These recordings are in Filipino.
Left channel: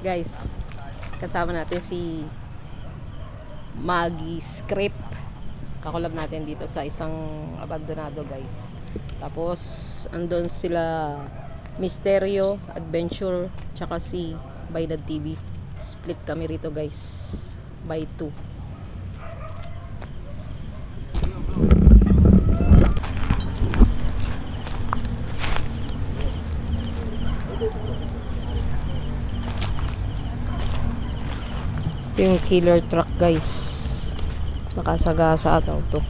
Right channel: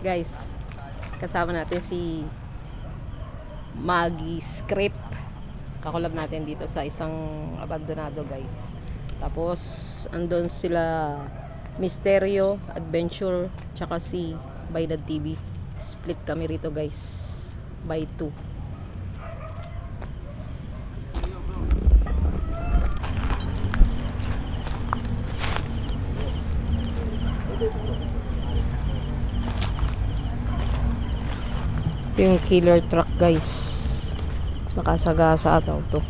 Guys, kasama natin si Maggie Script. Kakulab natin dito sa isang abandonado, guys. Tapos andun sila Misterio Adventure tsaka si Baydad TV. Split kami rito, guys, by 2. Yung killer truck, guys, nakasagasa daw to.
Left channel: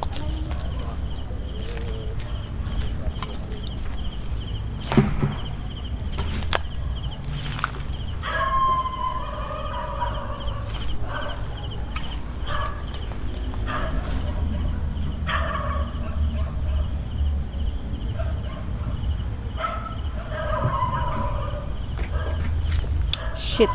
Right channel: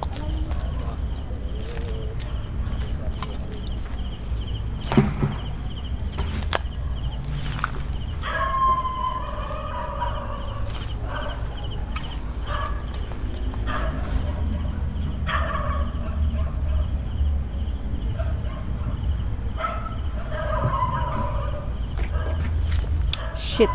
Shit.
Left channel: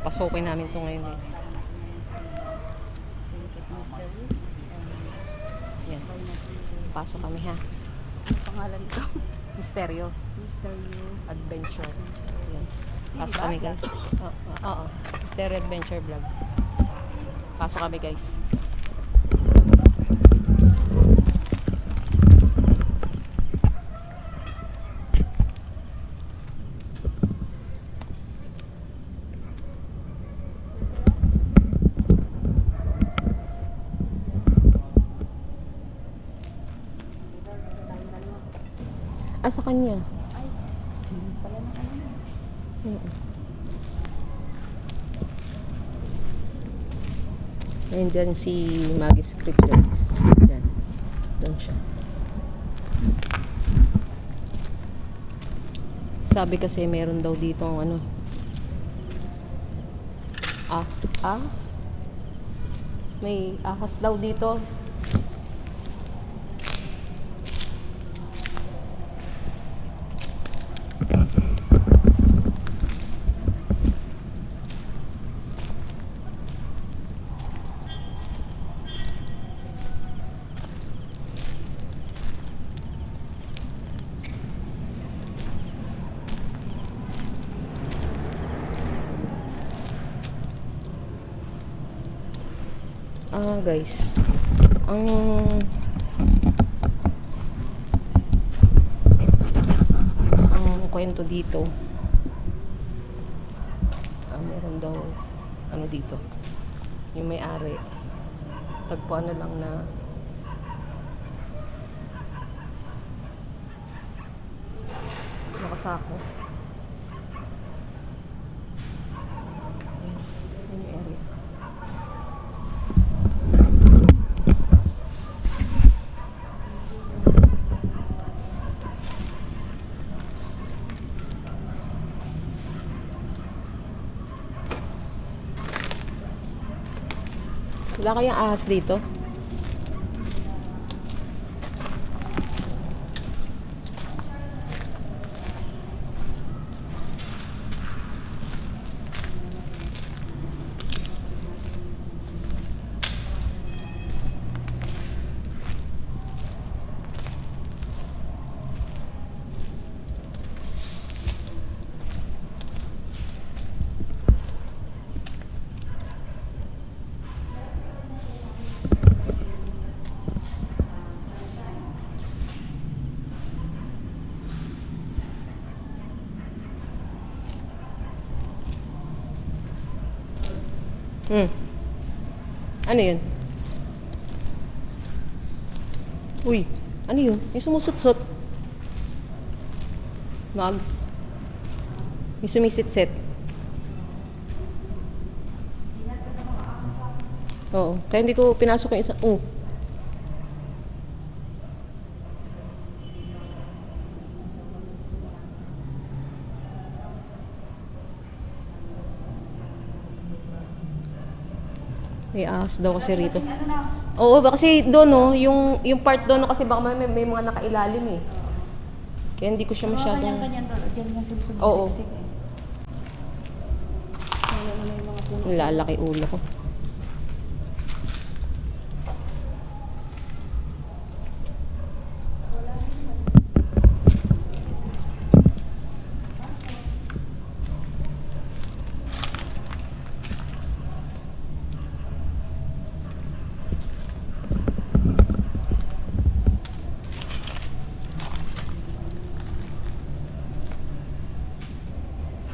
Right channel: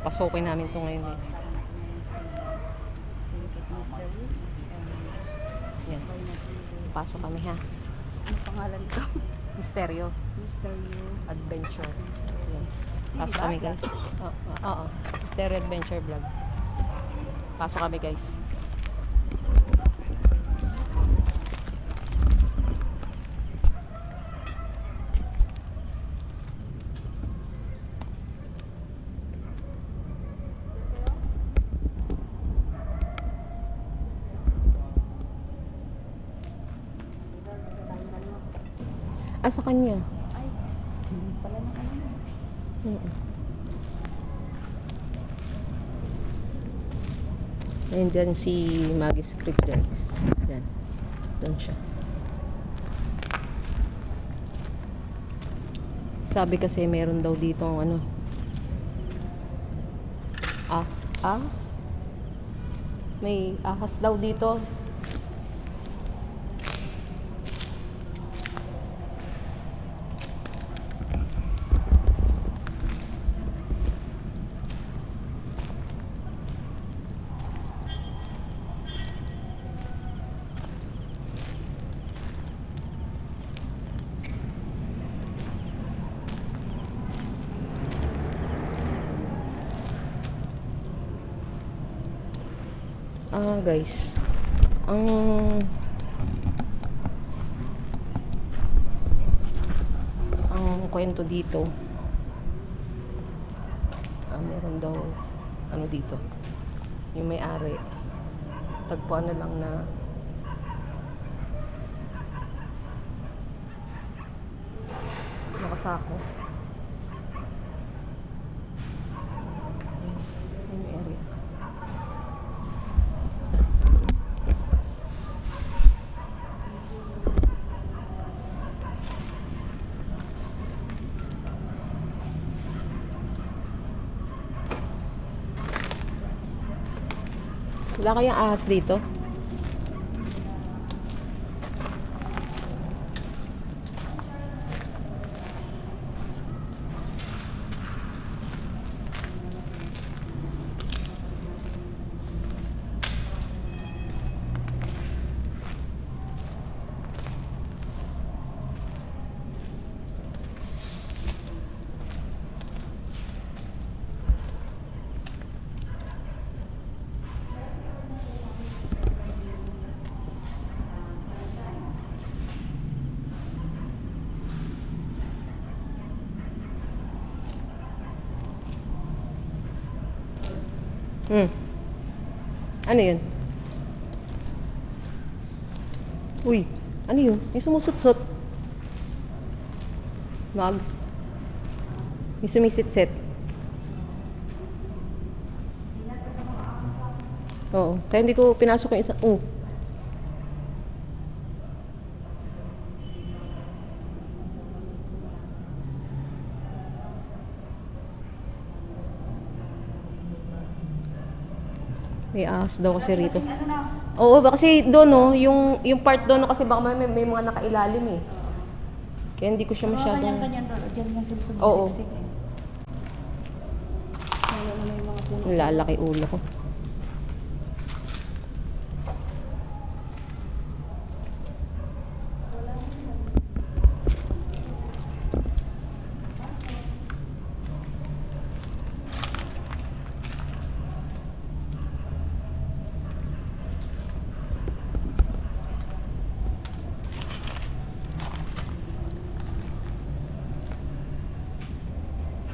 Pasokin namin to ngayon, guys. Yan. Pasok kami, ha. Ano pangalan ko? Misterio Misterio Adventure. Yan. Pasok kami, guys. Oo. Misterio Adventure Vlog. Pasok kami, guys. Sa kanya. Ay, hindi pala na kanina. Ayun dyan si Maggie Script, guys. Yan. Doon siya. Sabi kasi meron daw dito ang Ah, ah? May ahas daw dito. Guys, ang kwento dito, meron daw ano dito, yung may-ari tagpuan na lang na nakasako. Ayan, yung may-ari. Wala kayang ahas dito? Ano yun? Uy, ano yun? May sumusut-sut. Mags. May sumisit-sit. Oo. Kaya hindi ko pinasok yung isa. May ahas daw kasi rito. Oo, kasi doon no, yung part doon no, kasi baka may mga nakailalim eh. Kaya hindi ko siya masyadong... Ganyan doon. Diyan lang sila Oo. sumisiksik eh. Kaya may mga puno. Lalaki ulo ko.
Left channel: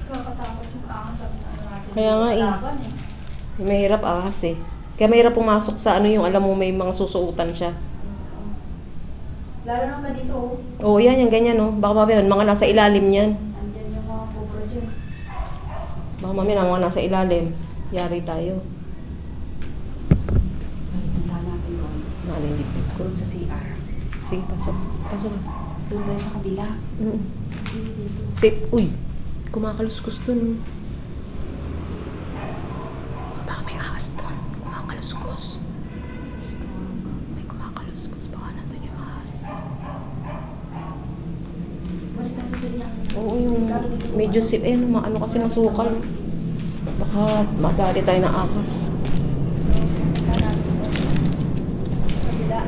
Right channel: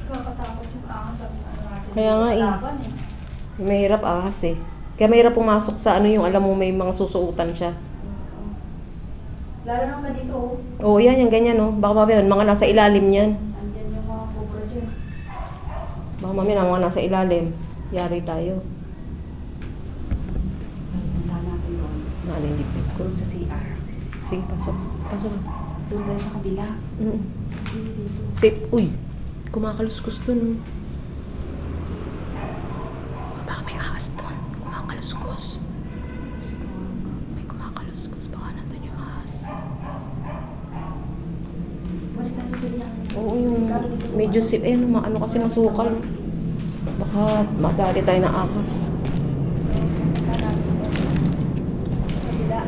Nakakatakot yung ahas sa natin. Kaya nga eh. Laban eh. Mahirap ahas eh. Kaya mahirap pumasok sa ano yung alam mo may mga susuutan siya. Lalo naman dito oh. Oo, yan, yung ganyan no. Baka mamaya mga nasa ilalim yan. Andyan yung mga cobra dyan. Baka mamaya mga nasa ilalim. Yari tayo. Punta natin doon. Ano yung dito? Doon sa CR. Sige, pasok. Pasok. Doon tayo sa kabila. Mm. Hindi dito. Uy, kumakaluskus dun. Baka may ahas dun. Kumakaluskus. May kumakaluskus. Baka nandun yung ahas. Balik natin sa diyan. Oo, yung medyo sip. Eh, ano kasi masukal. Baka madali tayo ng ahas. So, punta natin doon. Sa kabila.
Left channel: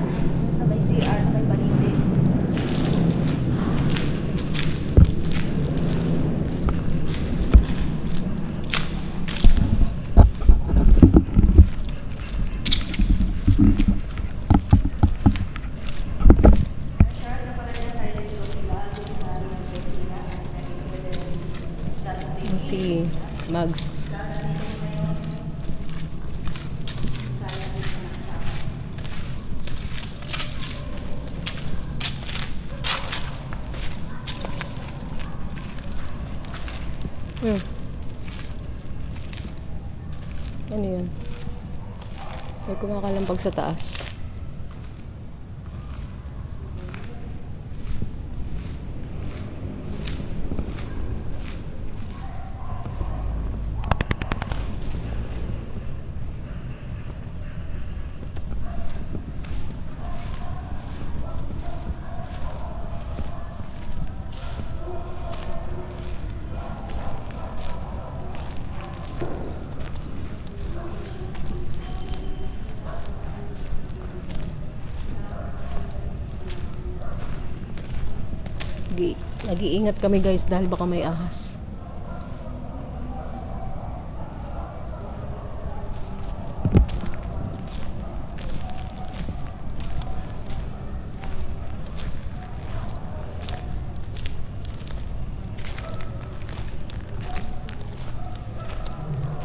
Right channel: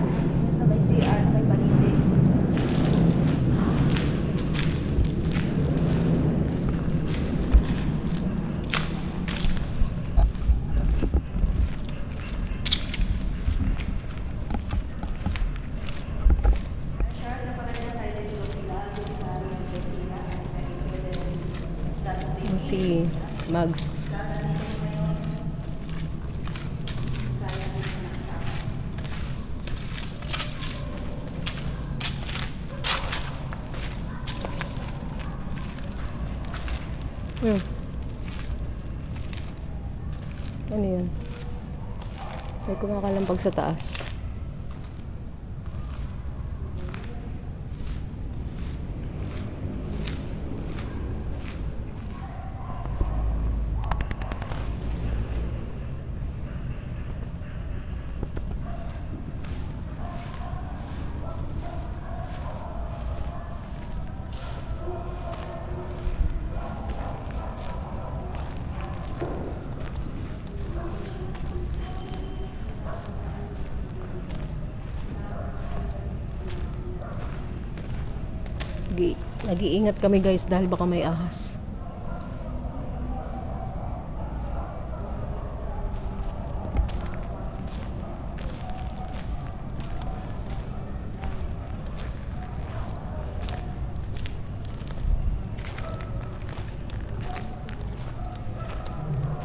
Sa may CR na may balite. Si Mags. Ano yun? May kumakalampag sa taas. Nag-iingat kami guys dahil baka may ahas.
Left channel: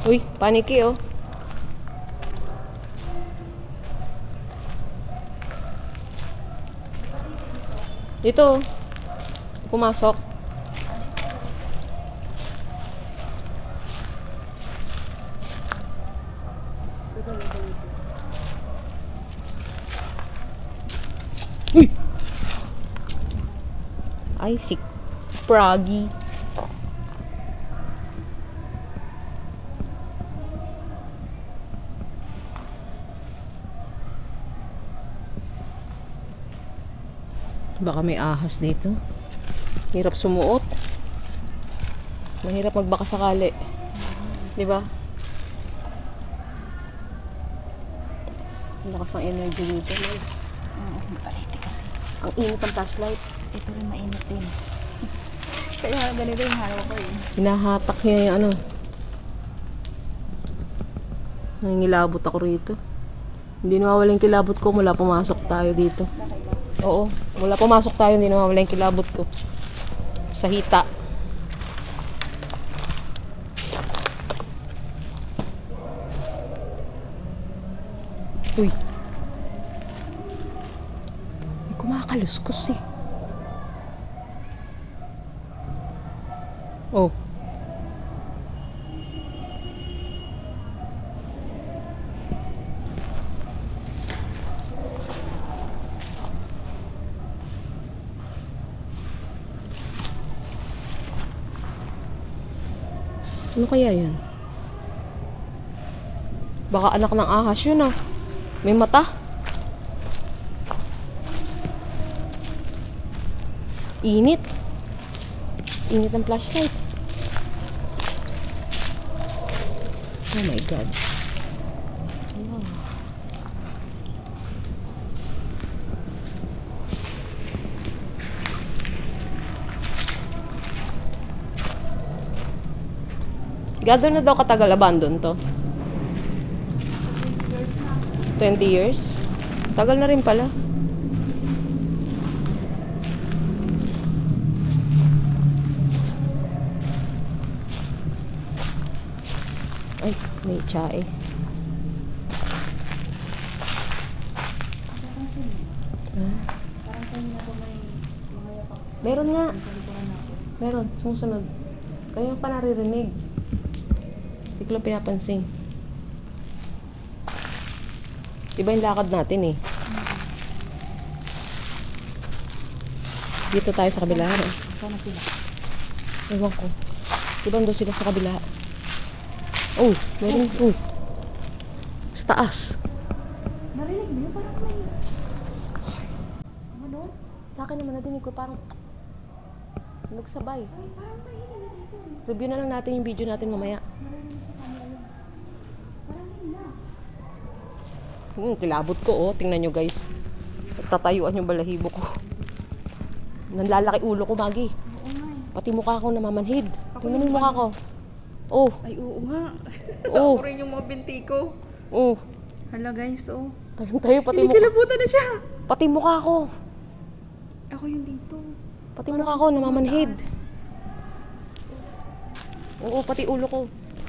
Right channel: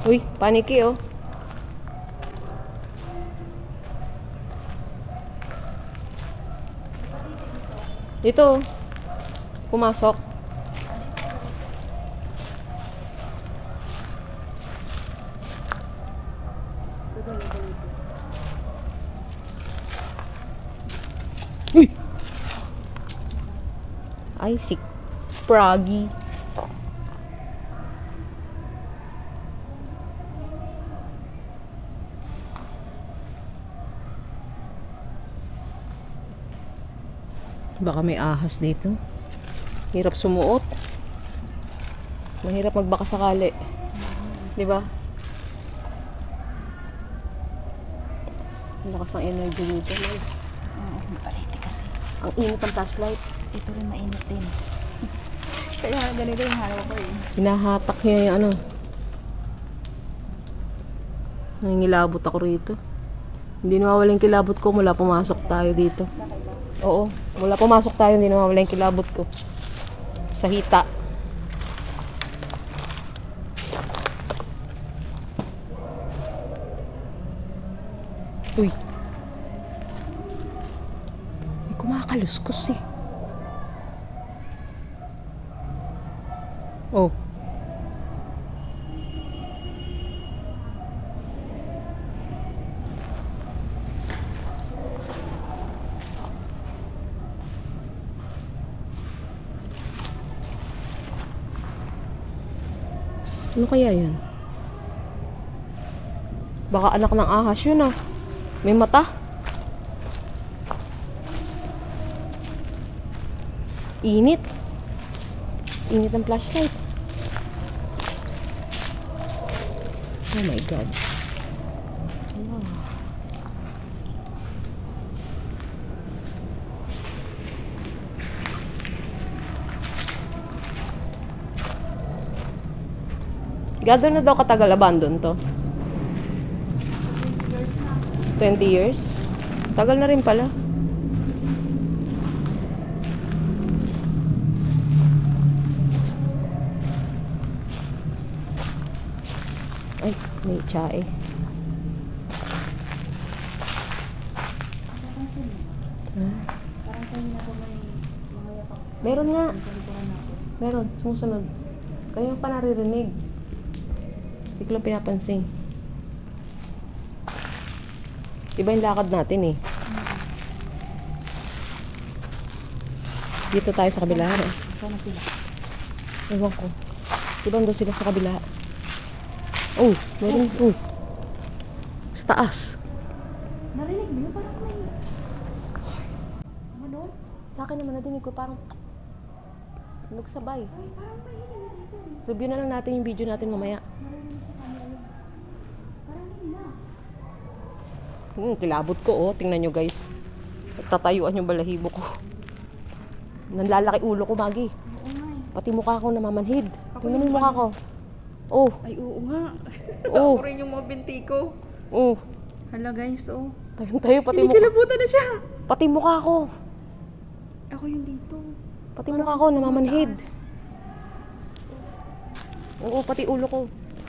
Uy, paniki oh. Dito. Pumasok. Uy! Ay, si Froggy. Baka may ahas dito. Hirap sumuot. Mahirap magbaka sakali. 'Di ba? Ang lakas ng energy dito, guys. Oo, paliti kasi. Ang init ng flashlight. Ito rin mainit din. Kaya ganito yung halaw ko eh. Hinahatak niya yung ano. Nangingilabot ako rito. Hindi nawawala yung kilabot ko mula pumasok tayo dito. Oo, mula pumasok tayo hindi nawawala yung kilabot ko. Sa hita. Uy. May kumakaluskos eh. Oh. Ano kaya yun? Baka anak ng ahas yun ah. May mata. Init. Init ng flashlight. Oh my God. Wow. Gado na daw katagal abandon to? 20 years? Tagal na rin pala. Ay, may tsae. Meron nga. Meron, sumusunod. Kaya pa naririnig. Hindi ko lang pinapansin. Iba yung lakad natin eh. Dito tayo sa kabila. Sana sila. Ewan ko. Diba doon sila sa kabila? Oh, meron. Oh. Sa taas. Narinig mo yun? Parang may... Ano doon? Sa akin naman nadinig ko parang nagsabay. Ay, parang may hininig dito. Review na lang natin yung video natin mamaya. Narinig sa camera yun. Parang hindi na. Kilabot ko oh. Tingnan nyo guys. Tatayuan yung balahibo ko. Nanlalaki ulo ko, Magi. Oo nga eh. Pati mukha ko namamanhid. Tingnan mo yung mukha ko. Oh, Ay, oo nga. oh, Ako rin yung mga binti ko. oh. Hala guys, oh. Tayo pati mukha. Kinikilabutan na siya. Pati mukha ko. Ako yung dito. Pati mukha ko namamanhid. Oo, pati ulo ko.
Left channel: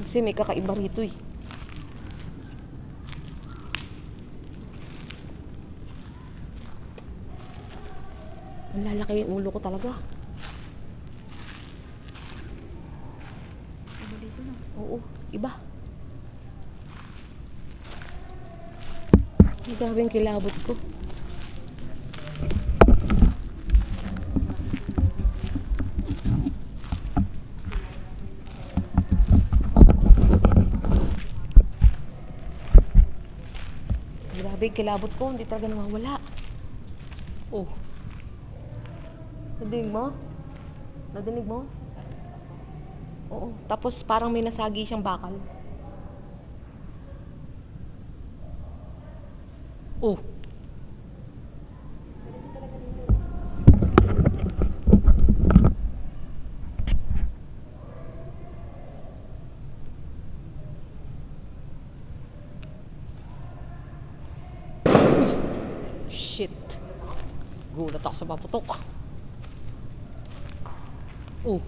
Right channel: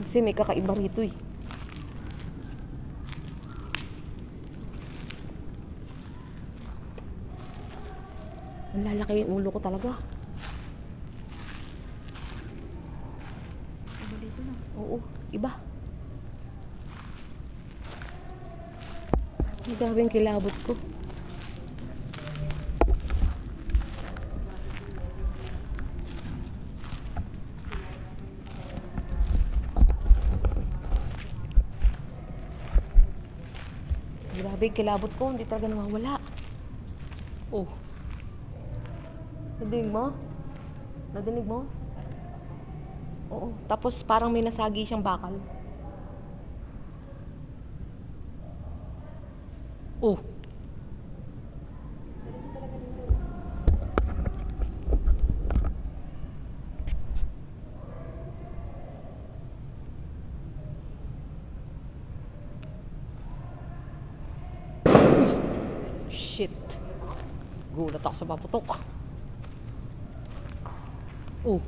Kasi may kakaiba rito eh. Ang lalaki yung ulo ko talaga. Ako dito na. Oo, iba. Ang grabe yung kilabot ko. Grabe yung kilabot ko, hindi talaga nawawala. Oh. Nadinig mo? Nadinig mo? Oo. Tapos parang may nasagi siyang bakal. Oh. Gulat ako sa paputok. Oh,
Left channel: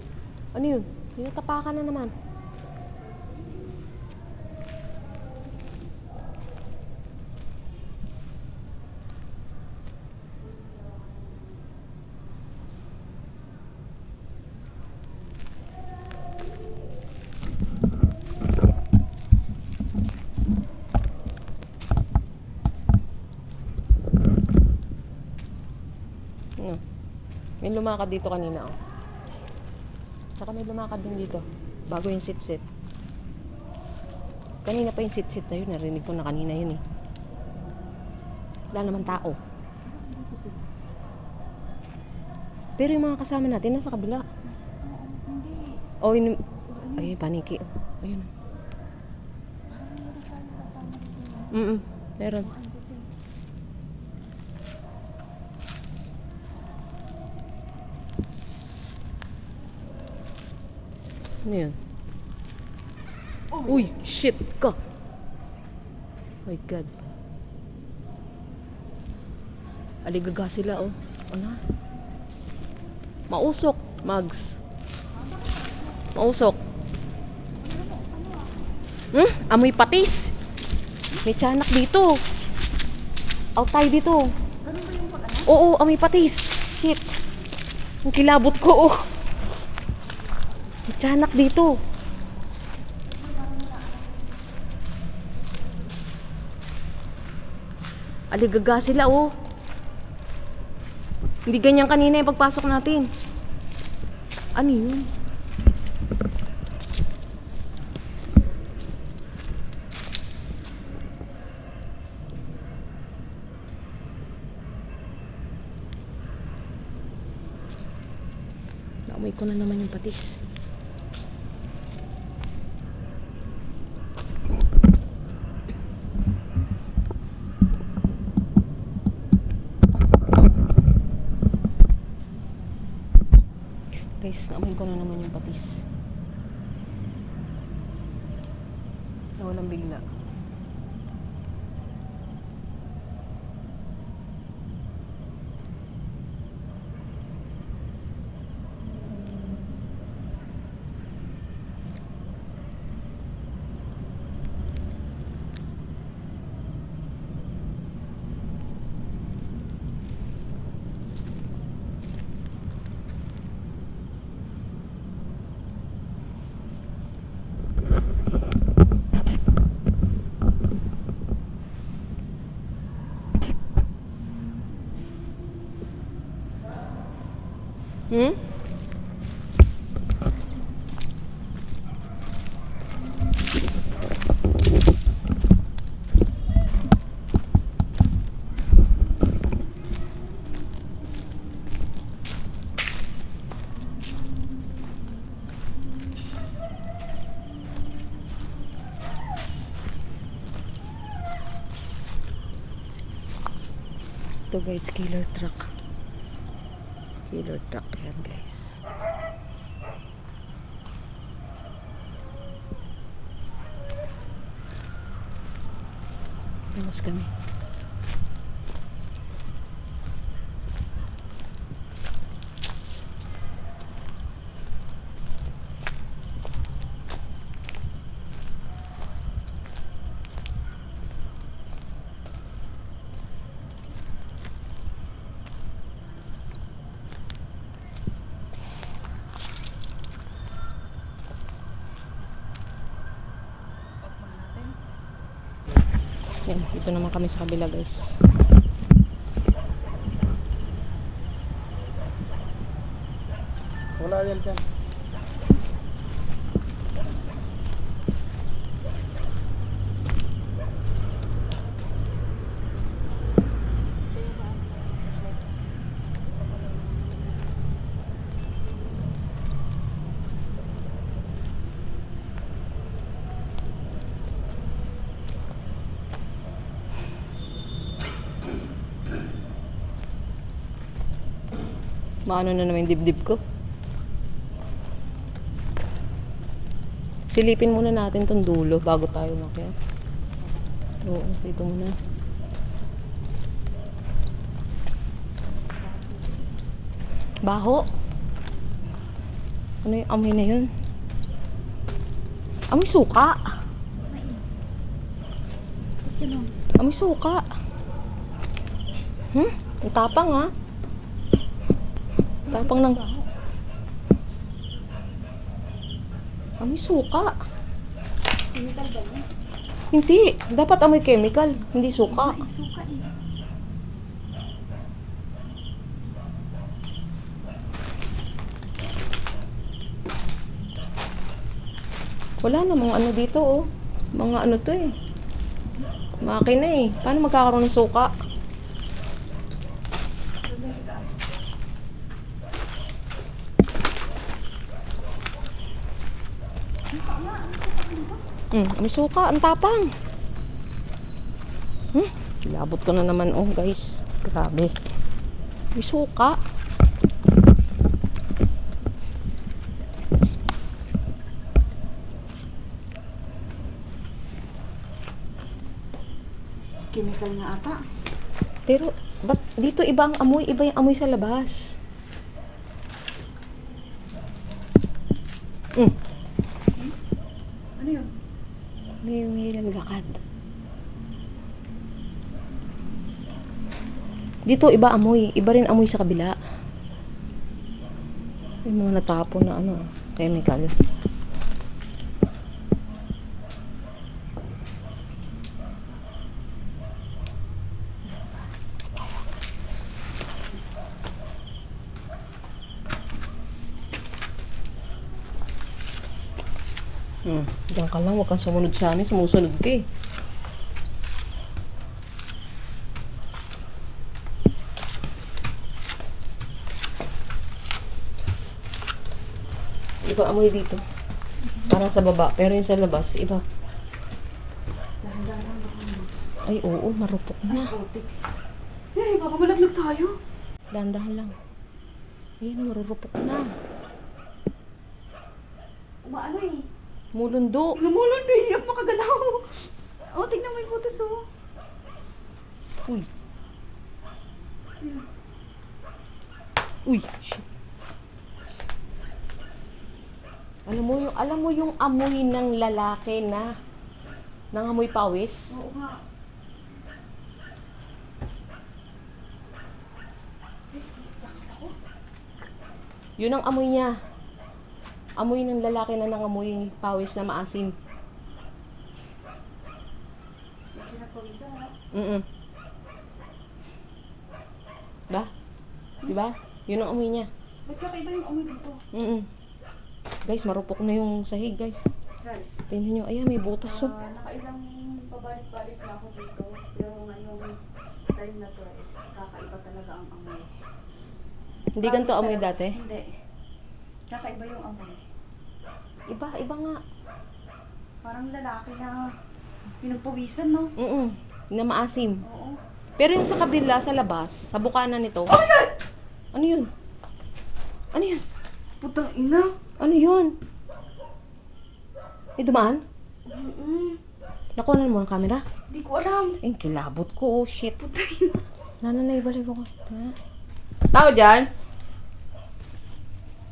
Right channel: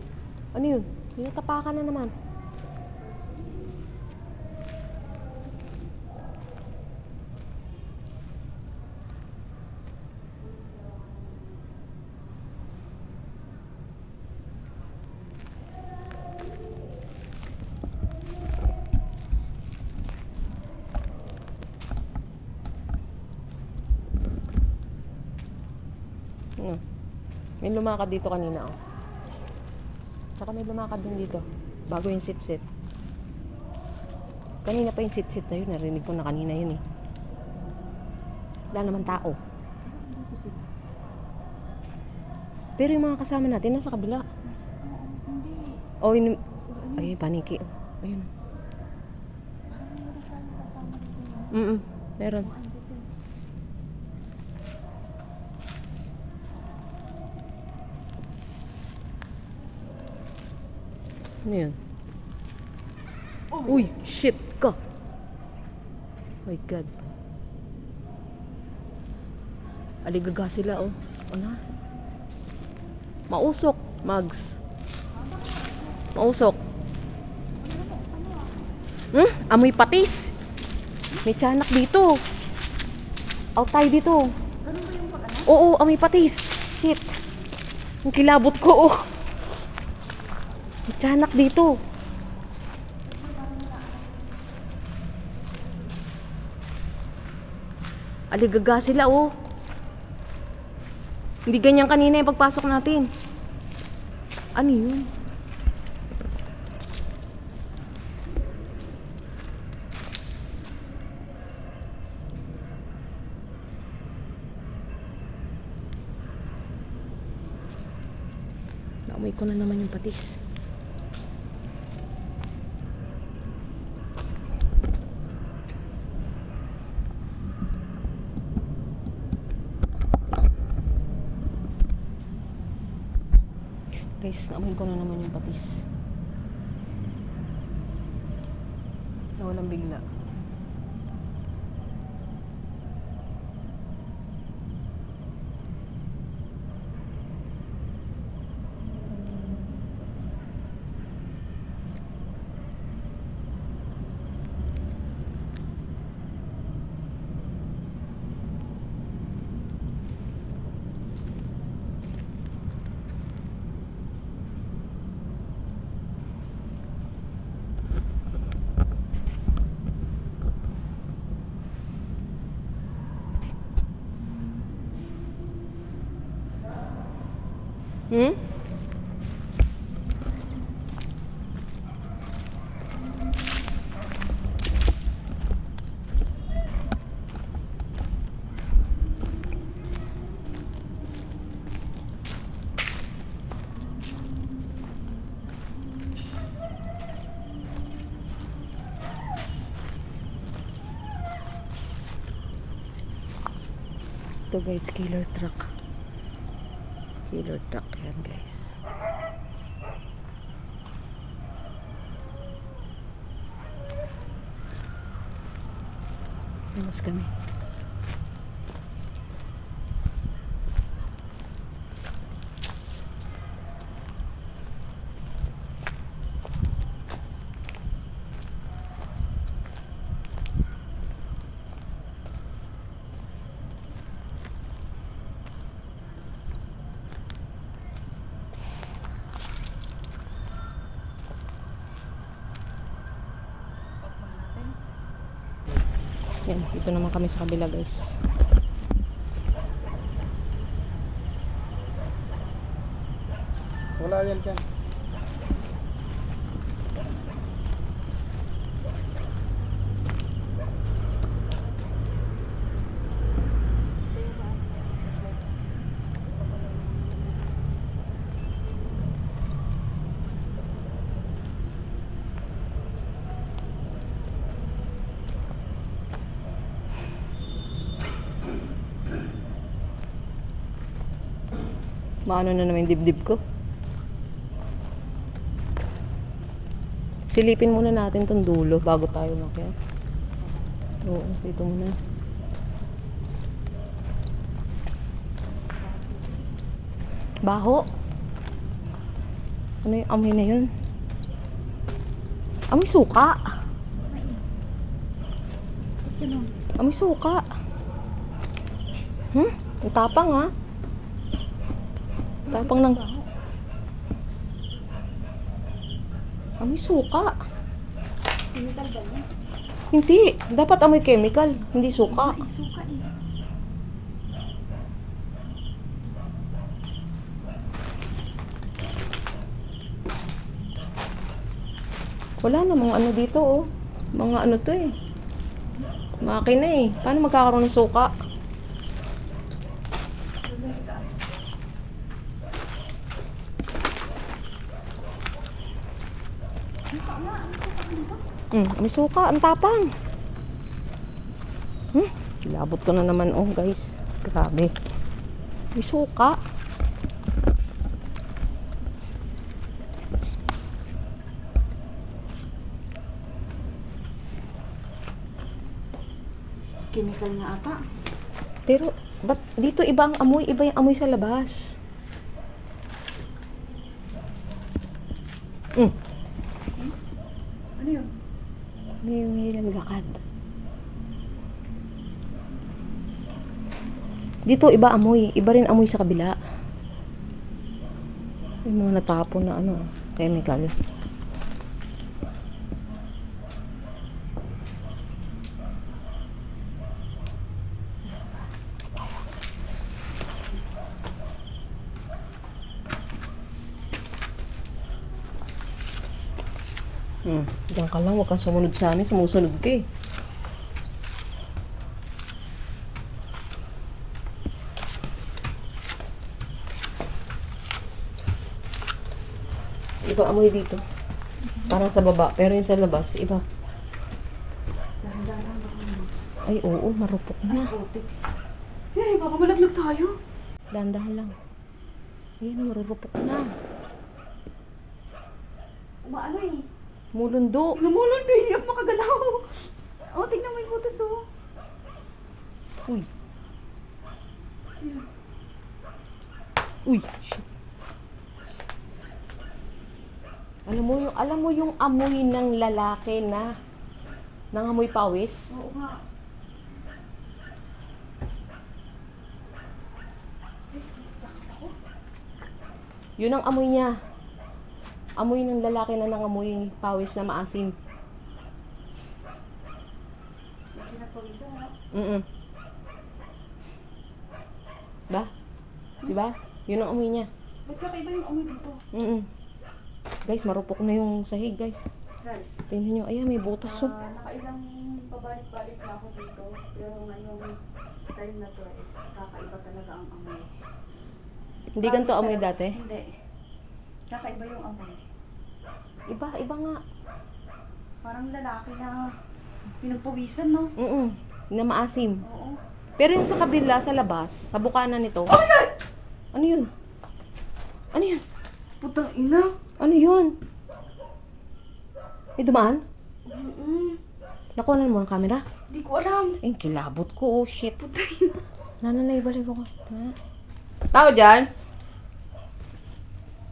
ano yun? Tinatapakan na naman. Ano? May lumakad dito kanina, oh. Tsaka may lumakad din dito. Bago yung sit-sit. Kanina pa yung sit-sit na yun. Narinig ko na kanina yun eh. Wala naman tao. Pero yung mga kasama natin nasa kabila. Oh, yun. Ay, paniki. Ayun. Meron. Ano yun? Uy, shit ka. Oh my God. Aligaga sila, oh. Ano? Mausok, Mags. Mausok. Amoy patis. May tiyanak dito. Out tayo dito. Oo, amoy patis. Shit. Ang kilabot ko, oh. May tiyanak dito. Aligaga sila, oh. Hindi ganyan kanina yung pagpasok natin. Ano yun? Naamoy ko na naman yung patis. Guys, naamoy ko na naman yung patis. Nawalang bigla. Ito guys, killer truck. Killer truck yan guys. Iwas kami. Yan, dito naman kami sa kabila guys. Wala yan dyan. Maano na naman yung dibdib ko. Silipin muna natin tong dulo bago tayo makyat. Oo, dito muna. Baho. Ano yung amoy na yun? Amoy suka. Amoy suka. Ang tapang ha. Tapang ng... Amoy suka. Chemical ba yun? Hindi. Dapat amoy chemical. Hindi suka. Ay, suka eh. Wala namang ano dito oh. Mga ano to eh. Makina eh. Paano magkakaroon ng suka? Doon sa taas. May suka. Ang tapang. Labot ko na naman oh guys. Grabe. May suka. Chemical nga ata. Pero, ba't dito iba ang amoy? Iba yung amoy sa labas. Ano yun? May naglakad. Dito iba amoy. Iba rin amoy sa kabila. May mga natapon na ano, chemical. Diyan ka lang, huwag kang sumunod sa amin. Sumusunod ka eh. Iba amoy dito. Parang sa baba, pero yung sa labas, iba. Dahan-dahan baka naman. Ay, oo, marupok na. Putik. Eh, baka malaglag tayo. Dahan-dahan lang. Ayan, marurupok na. Umaano eh. Mulundo. Lumulon na yung makagalaw. Oh, tingnan mo yung butas oh. Uy. Uy, shit. Alam mo yung amoy ng lalaki na nangamoy pawis? Oo nga. Yun ang amoy niya. Amoy ng lalaki na nangamoy pawis na maasim. Pinapawisan ha? Ba? Diba? Yun ang amoy niya. Ba't kakaiba yung amoy dito? Guys, marupok na yung sahig, guys. Guys, Tingnan nyo. Ayan, may butas oh. nakailang pabalik-balik na ako dito. Pero ngayong time na to is kakaiba talaga ang amoy. Hindi ganito amoy dati? Hindi. Kakaiba yung amoy. Iba nga. Parang lalaki na pinagpawisan, no? Na maasim. Oo. Pero yung sa kabila, sa labas, sa bukana nito. Oh my God! Ano yun? Ano yun? Putang ina. Ano yun? May dumaan? Nakuha mo ng camera? Hindi ko alam. Eh, kilabot ko. Oh, shit. Putang ina. Nananay, balik ko. Tao dyan?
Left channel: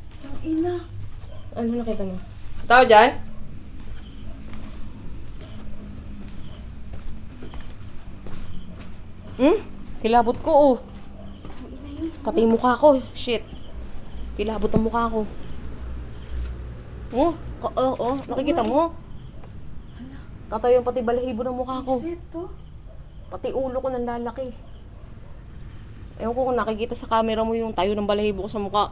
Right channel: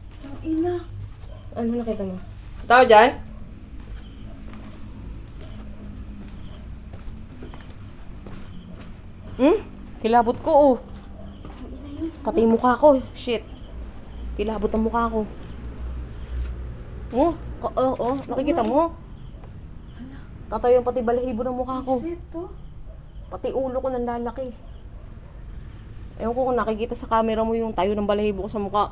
Putang ina. Ano nakita mo? Tao dyan? Kilabot ko, oh. Pati yung mukha ko. Shit. Kilabot ang mukha ko. Nakikita mo? Katayo yung pati balahibo ng mukha ko. Shit to. Pati ulo ko nang lalaki. Ewan ko kung nakikita sa camera mo yung tayo ng balahibo ko sa mukha.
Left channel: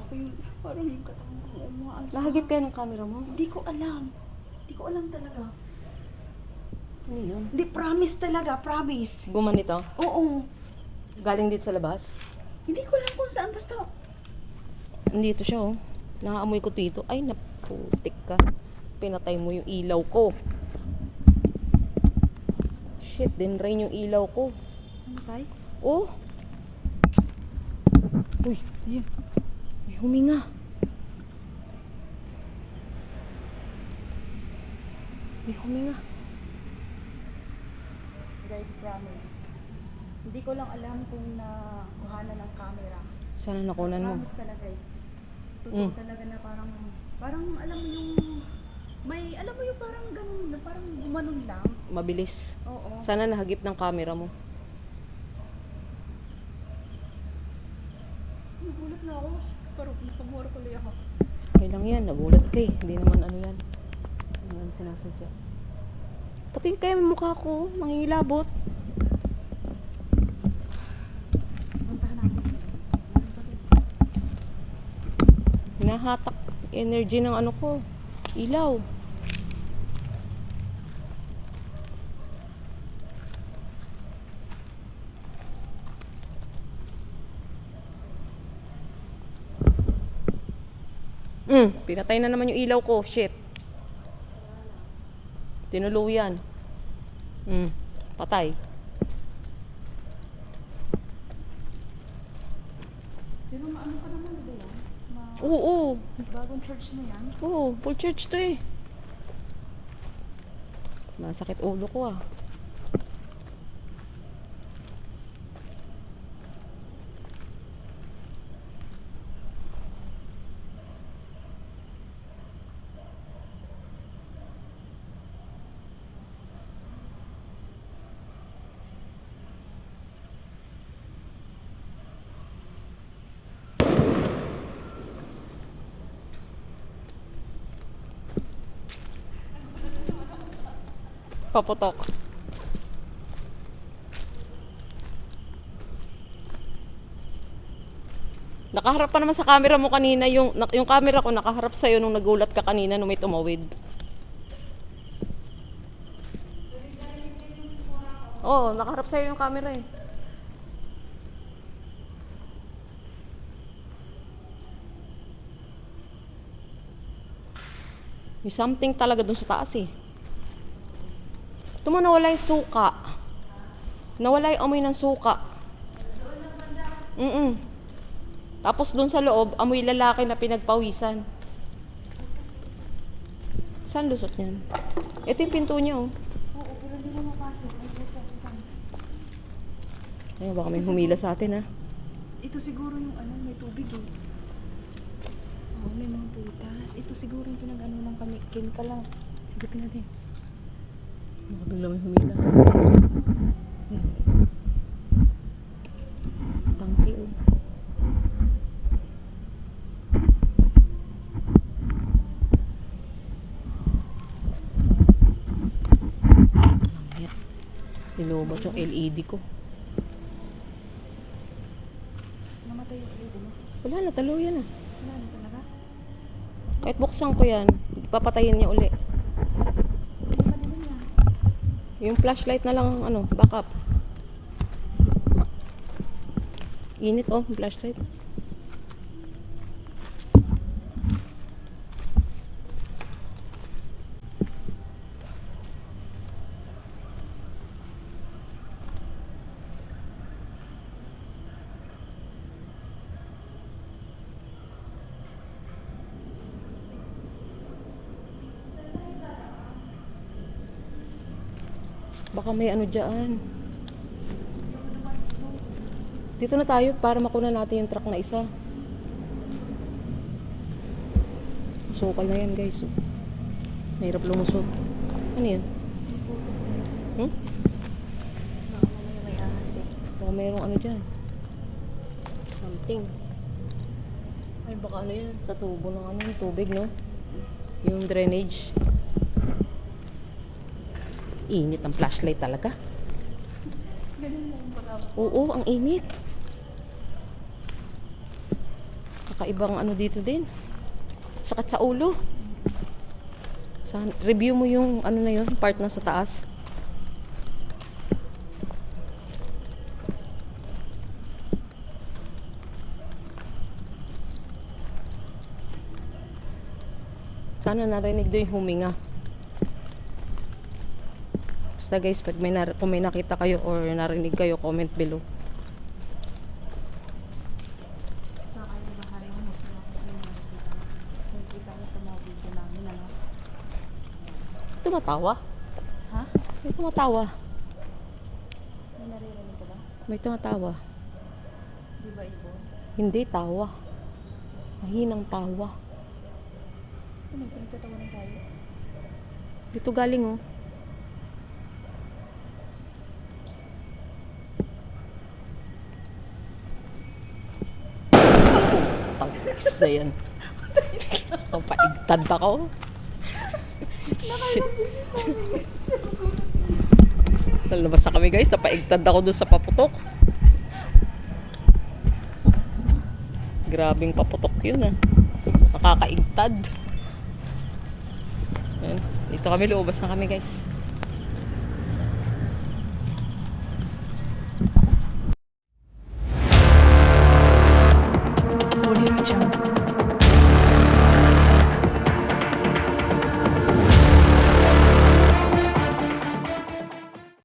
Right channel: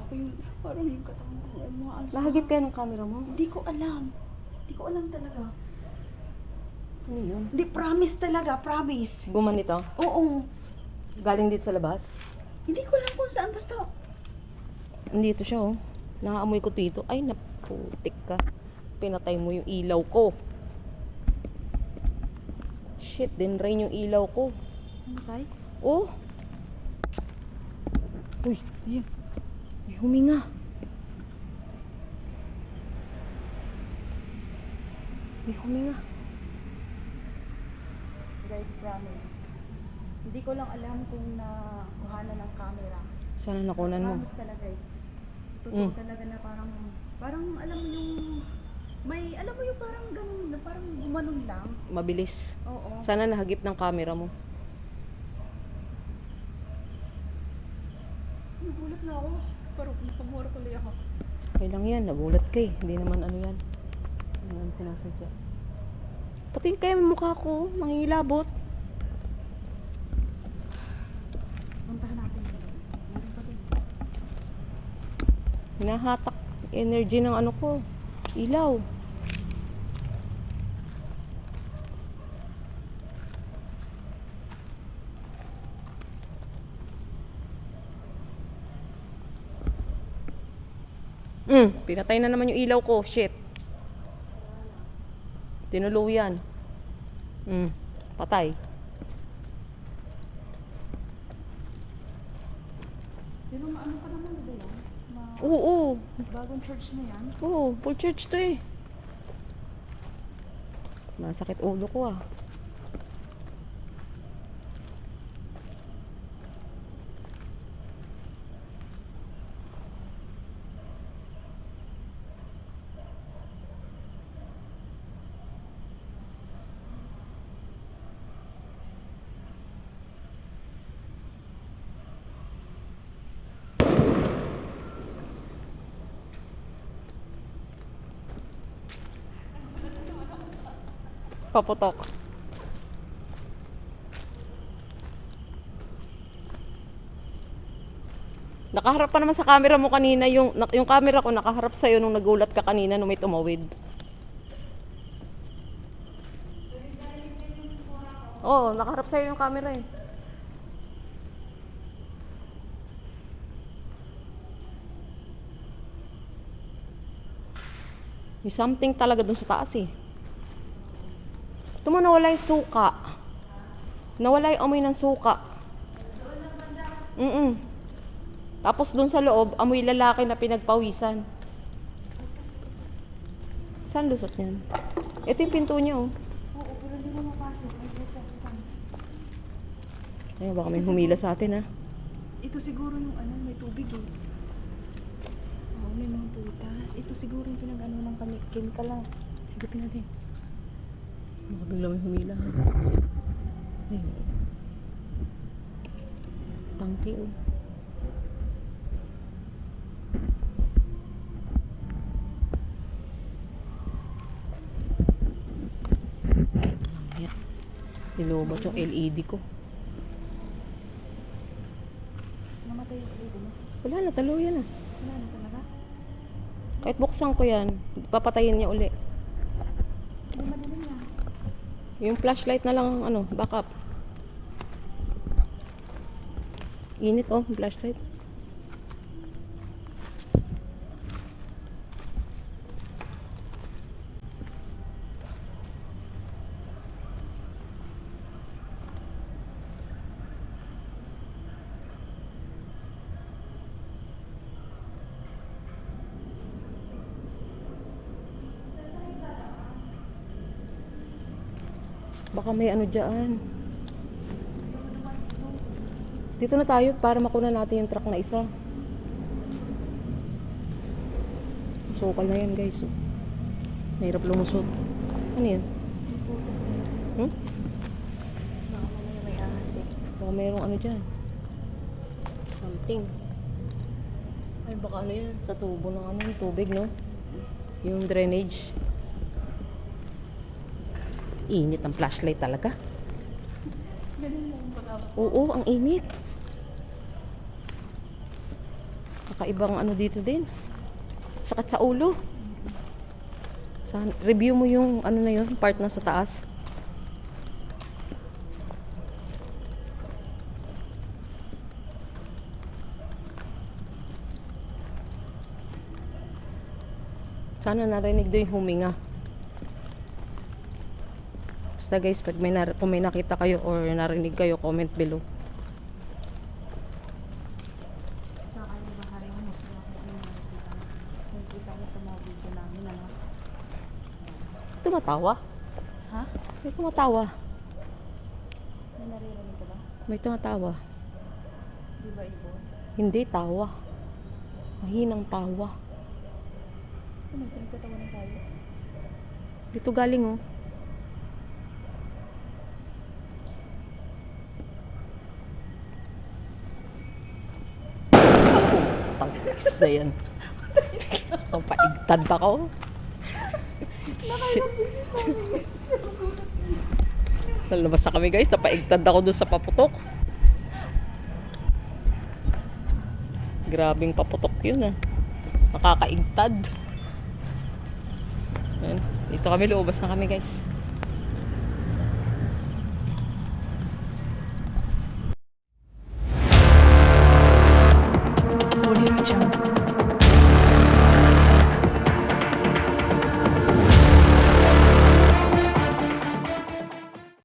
Ako yung, parang yung katawan ko. Umaasa. Nahagip kayo ng camera mo? Hindi ko alam. Hindi ko alam talaga. Ano yun? Hindi, promise talaga. Promise. Gumanito? Oo. Galing dito sa labas? Hindi ko alam kung saan. Basta, Nandito siya, oh. Nakaamoy ko dito. Ay, naputik ka. Pinatay mo yung ilaw ko. Shit, dinrain yung ilaw ko. ano kay? Oh! Uy, ayan. May huminga. May huminga. Guys, promise. Hindi ko lang alam kung nakuhanan ng camera. Sana nakunan mo. Promise talaga guys. Totoo Mm. talaga na parang alam mo yung, alam mo yung parang ganun, na parang gumanon lang. Mabilis. Oo. Sana nahagip ng camera mo. Nagulat na ako. Parang napamura tuloy ako. Okay lang yan, nagulat ka eh. Hindi naman ano yan. Hindi naman sinasadya. Pati kaya yung mukha ko, nangingilabot. Puntahan natin. Meron pa din. Hinahatak energy ng ano ko, ilaw. Pinatay na naman yung ilaw ko, shit. Tinuluyan. Patay. Pero maano ka naman ba yan? Oo, Bagong church na yan? oo, full church to eh. Masakit ulo ko ah. Paputok. Nakaharap pa naman sa camera mo kanina, yung camera ko nakaharap sa'yo nung nagulat ka kanina nung may tumawid. Oo, nakaharap sa'yo yung camera eh. May something talaga dun sa taas eh. Ito mo nawala yung suka. Nawala yung amoy ng suka. Tapos dun sa loob, amoy lalaki na pinagpawisan. Saan lusot niyan? Ito yung pinto niya oh. Oo, pero hindi mo mapasok. May butas lang. Ay, baka may humila sa atin ha. Ito siguro yung may tubig eh. Oo, may mga butas. Ito siguro yung pinag-ano ng chemical lang. Sigupin natin. Baka bigla may humila. Ay. Tangki oh. Nilobot yung LED ko. Namatay yung LED mo. Wala na, tuluyan na. Wala na talaga. Kahit buksan ko yan, papatayin niya uli. Hindi madilim yan. Yung flashlight na lang ang backup. Init oh, yung flashlight. Baka may ano dyan. Dito na tayo para makuna natin yung truck na isa. Sukal na yan guys. Mahirap lumusot. Ano yan? Baka mamaya may ahas eh. Baka mayroong ano dyan. Something. Ay baka ano yan. Sa tubo ng yung tubig no? Yung drainage. Init ang flashlight talaga. Ganun lang pala. Oo, ang init. Kakaibang ano dito din. Sakit sa ulo. Review mo yung ano na yun, part na sa taas. Sana narinig doon yung huminga. Basta guys, pag kung may nakita kayo or narinig kayo, comment below. Sa akin bahari mo sila kung ano nakikita na. Nakikita mo sa mga video namin ano. Tumatawa? Ha? May tumatawa. May naririnig ka ba? May tumatawa. Di ba ibon? Hindi, tawa. Mahinang tawa. Ano, pinagtatawanan tayo? Dito galing oh. Tangis na yan. Paigtad ako. Shit. Nalabas na kami guys. Napaigtad ako doon sa paputok. Grabing paputok yun ah. Nakakaigtad. Ayan. Dito kami, luubas na kami guys.